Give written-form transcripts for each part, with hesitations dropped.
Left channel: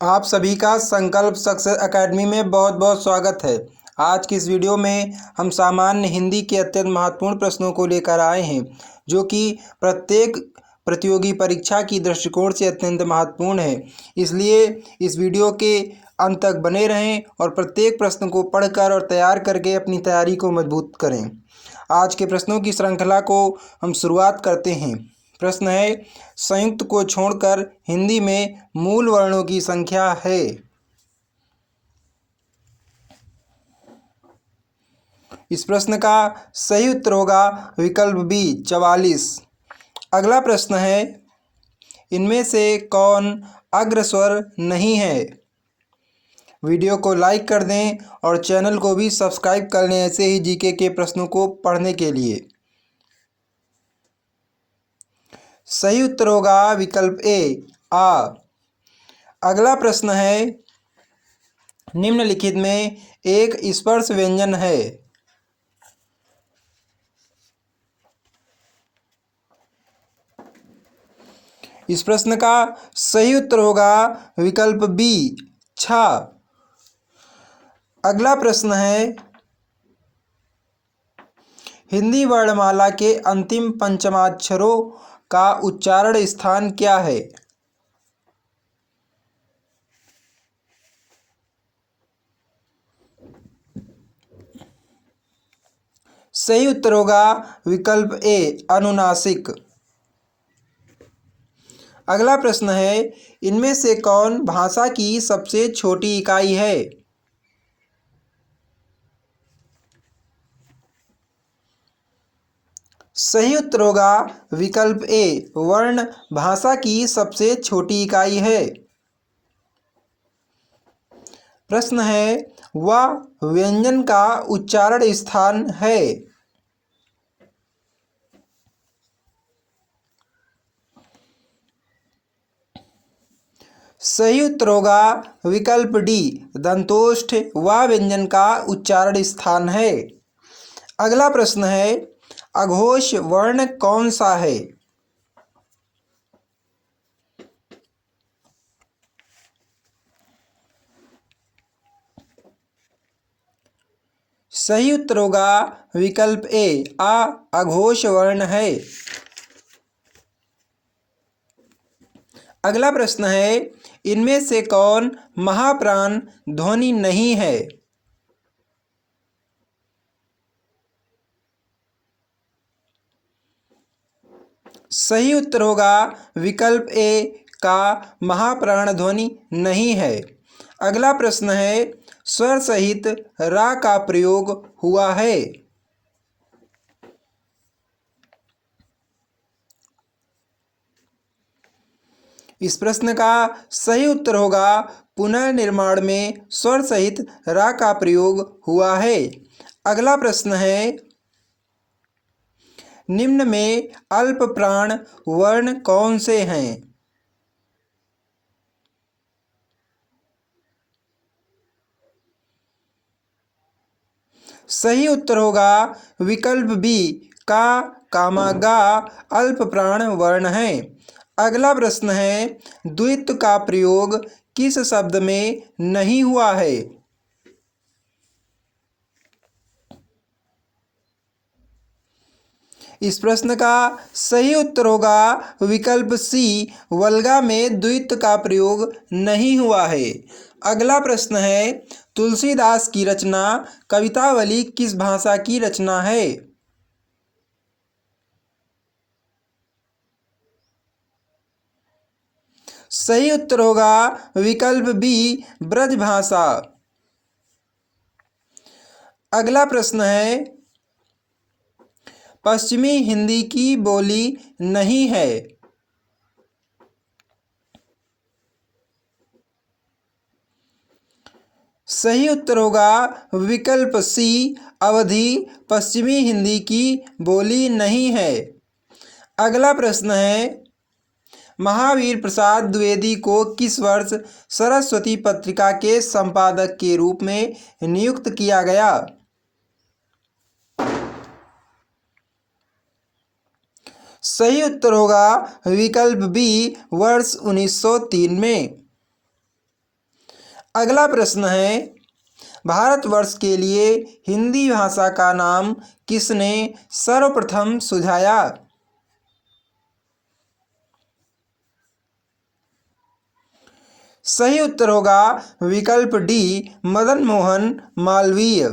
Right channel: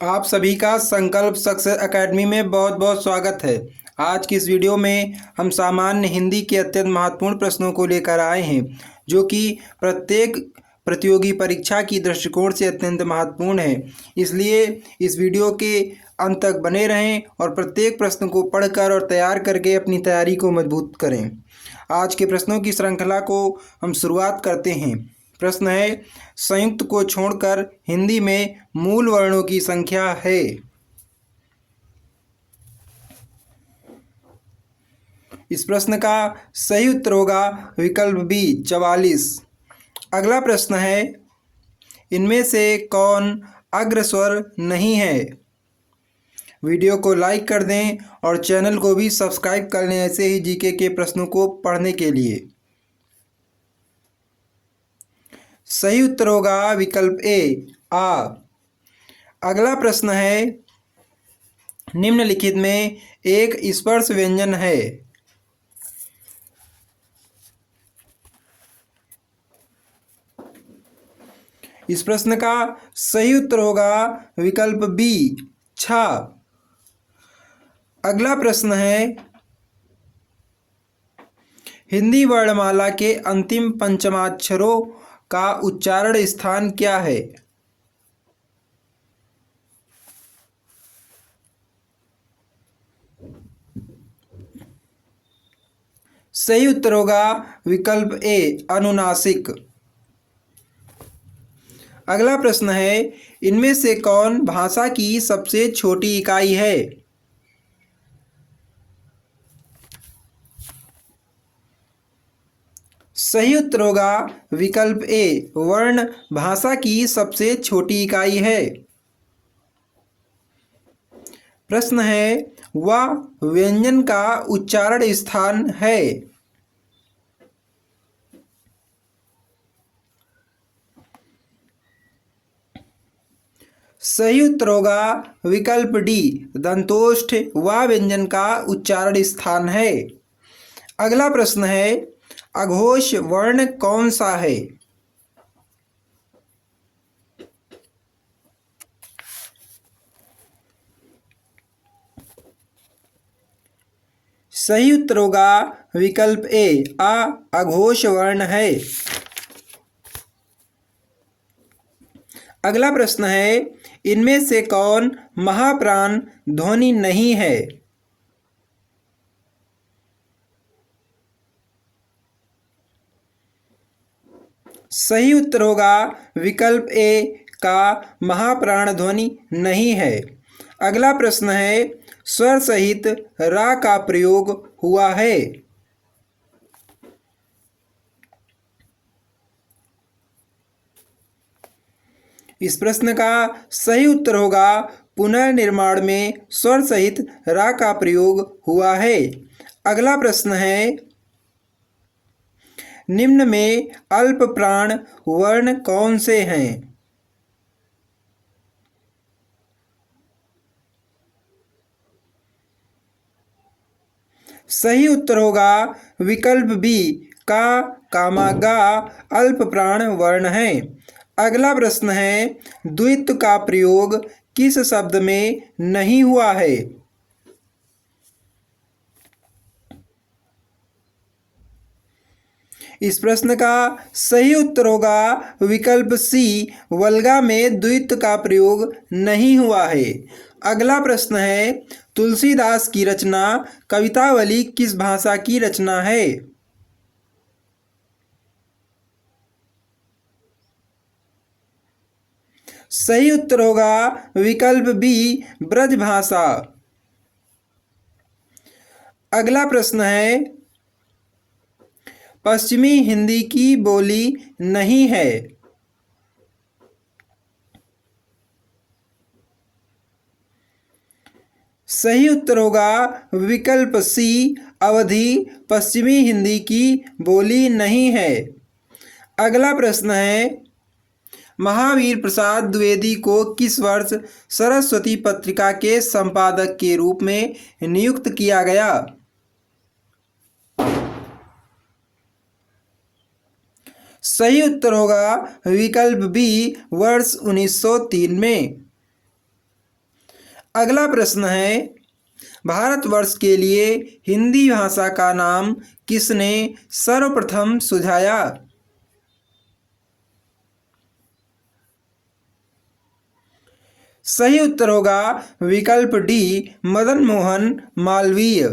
आप सभी का संकल्प सक्सेस एकेडमी में बहुत बहुत स्वागत है। आज की इस वीडियो में हम सामान्य हिंदी के अत्यंत महत्वपूर्ण प्रश्नों को लेकर आए हैं, जो कि प्रत्येक प्रतियोगी परीक्षा की दृष्टिकोण से अत्यंत महत्वपूर्ण है। इसलिए इस वीडियो के अंत तक बने रहें और प्रत्येक प्रश्न को पढ़कर और तैयार करके अपनी तैयारी को मजबूत करें। आज के प्रश्नों की श्रृंखला को हम शुरुआत करते हैं। प्रश्न है, संयुक्त को छोड़कर हिंदी में मूल वर्णों की संख्या है। इस प्रश्न का सही उत्तर होगा विकल्प बी 44। अगला प्रश्न है, इनमें से कौन अग्रस्वर नहीं है। वीडियो को लाइक कर दें और चैनल को भी सब्सक्राइब कर लें ऐसे ही जीके के प्रश्नों को पढ़ने के लिए। सही उत्तर होगा विकल्प ए आ। अगला प्रश्न है, निम्नलिखित में एक स्पर्श व्यंजन है। इस प्रश्न का सही उत्तर होगा विकल्प बी छा। अगला प्रश्न है, हिंदी वर्णमाला के अंतिम पंचमाक्षरों का उच्चारण स्थान क्या है। सही उत्तर होगा विकल्प ए अनुनासिक। अगला प्रश्न है, इनमें से कौन भाषा की सबसे छोटी इकाई है। सही उत्तर होगा विकल्प ए वर्ण भाषा की सबसे छोटी इकाई है। प्रश्न है, वह व्यंजन का उच्चारण स्थान है। सही उत्तर होगा विकल्प डी दंतोष्ठ वह व्यंजन का उच्चारण स्थान है। अगला प्रश्न है, अघोष वर्ण कौन सा है। सही उत्तर होगा विकल्प ए अघोष वर्ण है। अगला प्रश्न है, इनमें से कौन महाप्राण ध्वनि नहीं है। सही उत्तर होगा विकल्प ए का महाप्राण ध्वनि नहीं है। अगला प्रश्न है, स्वर सहित रा का प्रयोग हुआ है। इस प्रश्न का सही उत्तर होगा पुनर्निर्माण में स्वर सहित रा का प्रयोग हुआ है। अगला प्रश्न है, निम्न में अल्प प्राण वर्ण कौन से हैं। सही उत्तर होगा विकल्प बी का कामा गा अल्प प्राण वर्ण है। अगला प्रश्न है, द्वित्व का प्रयोग किस शब्द में नहीं हुआ है। इस प्रश्न का सही उत्तर होगा विकल्प सी वल्गा में द्वित्व का प्रयोग नहीं हुआ है। अगला प्रश्न है, तुलसीदास की रचना कवितावली किस भाषा की रचना है। सही उत्तर होगा विकल्प बी ब्रजभाषा। अगला प्रश्न है, पश्चिमी हिंदी की बोली नहीं है। सही उत्तर होगा विकल्प सी अवधी पश्चिमी हिंदी की बोली नहीं है। अगला प्रश्न है, महावीर प्रसाद द्विवेदी को किस वर्ष सरस्वती पत्रिका के संपादक के रूप में नियुक्त किया गया। सही उत्तर होगा विकल्प बी वर्ष 1903 में। अगला प्रश्न है, भारतवर्ष के लिए हिंदी भाषा का नाम किसने सर्वप्रथम सुझाया? सही उत्तर होगा विकल्प डी, मदन मोहन मालवीय।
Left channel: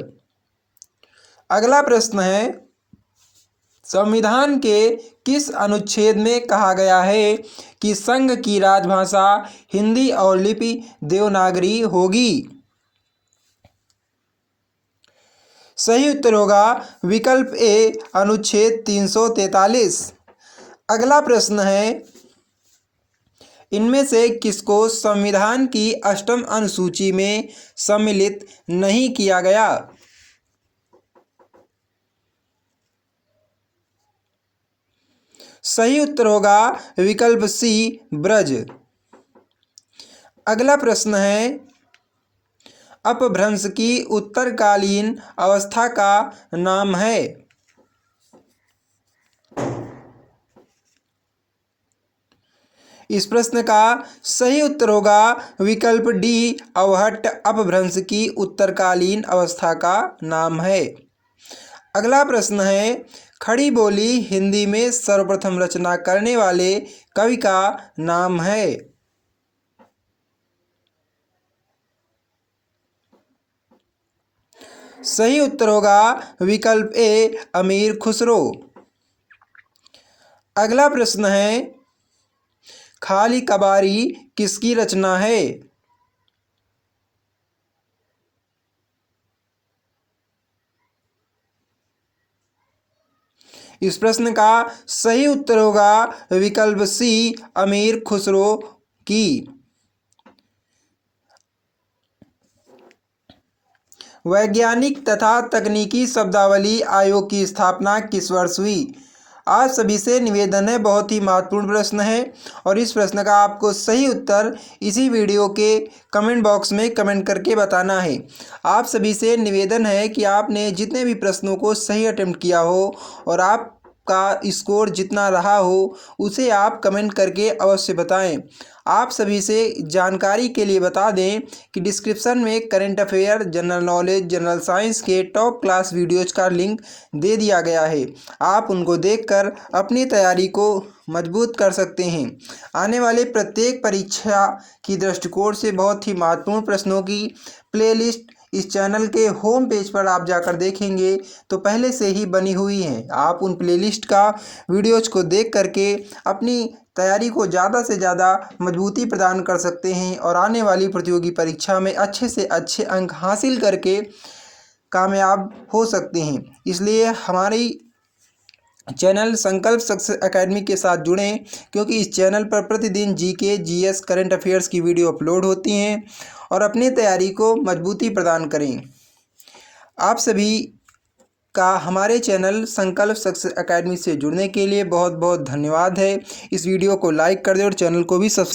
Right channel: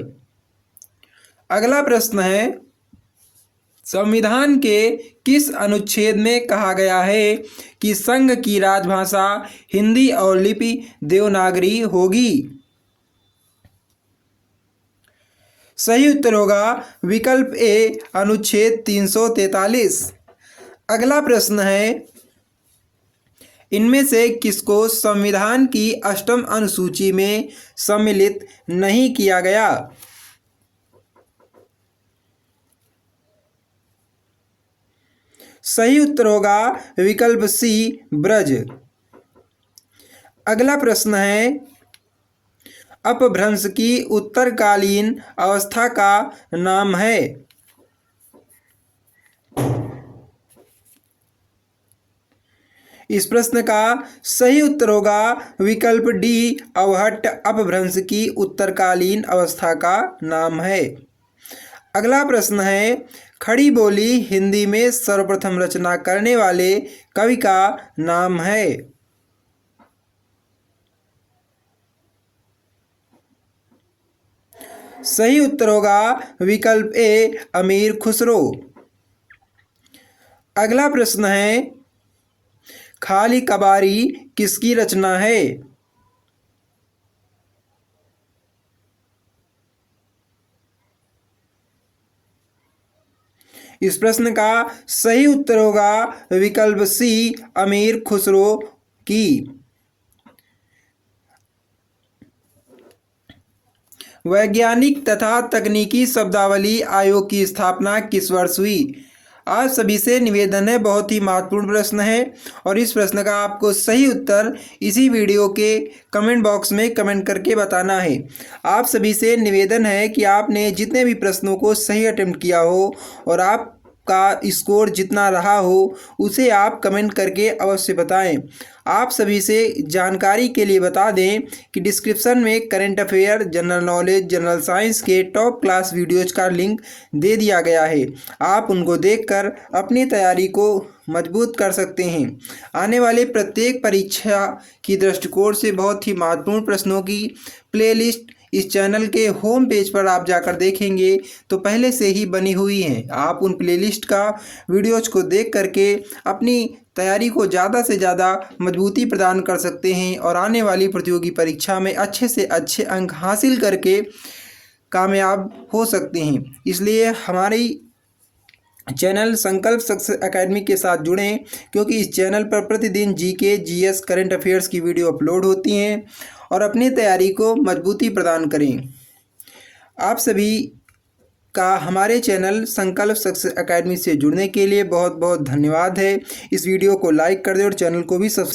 अगला प्रश्न है, संविधान के किस अनुच्छेद में कहा गया है कि संघ की राजभाषा हिंदी और लिपि देवनागरी होगी? सही उत्तर होगा विकल्प ए, अनुच्छेद 343। अगला प्रश्न है, इनमें से किसको संविधान की अष्टम अनुसूची में सम्मिलित नहीं किया गया? सही उत्तर होगा विकल्प सी, ब्रज। अगला प्रश्न है, अपभ्रंश की उत्तरकालीन अवस्था का नाम है? इस प्रश्न का सही उत्तर होगा विकल्प डी, अवहट्ट अपभ्रंश की उत्तरकालीन अवस्था का नाम है। अगला प्रश्न है, खड़ी बोली हिंदी में सर्वप्रथम रचना करने वाले कवि का नाम है? सही उत्तर होगा विकल्प ए, अमीर खुसरो। अगला प्रश्न है, खाली कबारी किसकी रचना है? इस प्रश्न का सही उत्तर होगा विकल्प सी, अमीर खुसरो की। वैज्ञानिक तथा तकनीकी शब्दावली आयोग की स्थापना किस वर्ष हुई? आज सभी से निवेदन है, बहुत ही महत्वपूर्ण प्रश्न है और इस प्रश्न का आपको सही उत्तर इसी वीडियो के कमेंट बॉक्स में कमेंट करके बताना है। आप सभी से निवेदन है कि आपने जितने भी प्रश्नों को सही अटेम्प्ट किया हो और आपका स्कोर जितना रहा हो उसे आप कमेंट करके अवश्य बताएं। आप सभी से जानकारी के लिए बता दें कि डिस्क्रिप्शन में current affair, general knowledge, general science के टॉप क्लास वीडियोज का लिंक दे दिया गया है। आप उनको देखकर अपनी तैयारी को मजबूत कर सकते हैं। आने वाले प्रत्येक परीक्षा की दृष्टिकोण से बहुत ही महत्वपूर्ण प्रश्नों की प्लेलिस्ट इस चैनल के होम पेज पर आप जाकर देखेंगे तो पहले से ही बनी हुई हैं। आप उन प्लेलिस्ट का वीडियोज को देख करके अपनी तैयारी को ज़्यादा से ज़्यादा मजबूती प्रदान कर सकते हैं और आने वाली प्रतियोगी परीक्षा में अच्छे से अच्छे अंक हासिल करके कामयाब हो सकते हैं। इसलिए हमारी चैनल संकल्प सक्सेस एकेडमी के साथ जुड़ें, क्योंकि इस चैनल पर प्रतिदिन जीके, जीएस, करंट अफेयर्स की वीडियो अपलोड होती हैं और अपनी तैयारी को मजबूती प्रदान करें। आप सभी का हमारे चैनल संकल्प सक्सेस एकेडमी से जुड़ने के लिए बहुत बहुत धन्यवाद है। इस वीडियो को लाइक कर दें और चैनल को भी सब्सक्राइब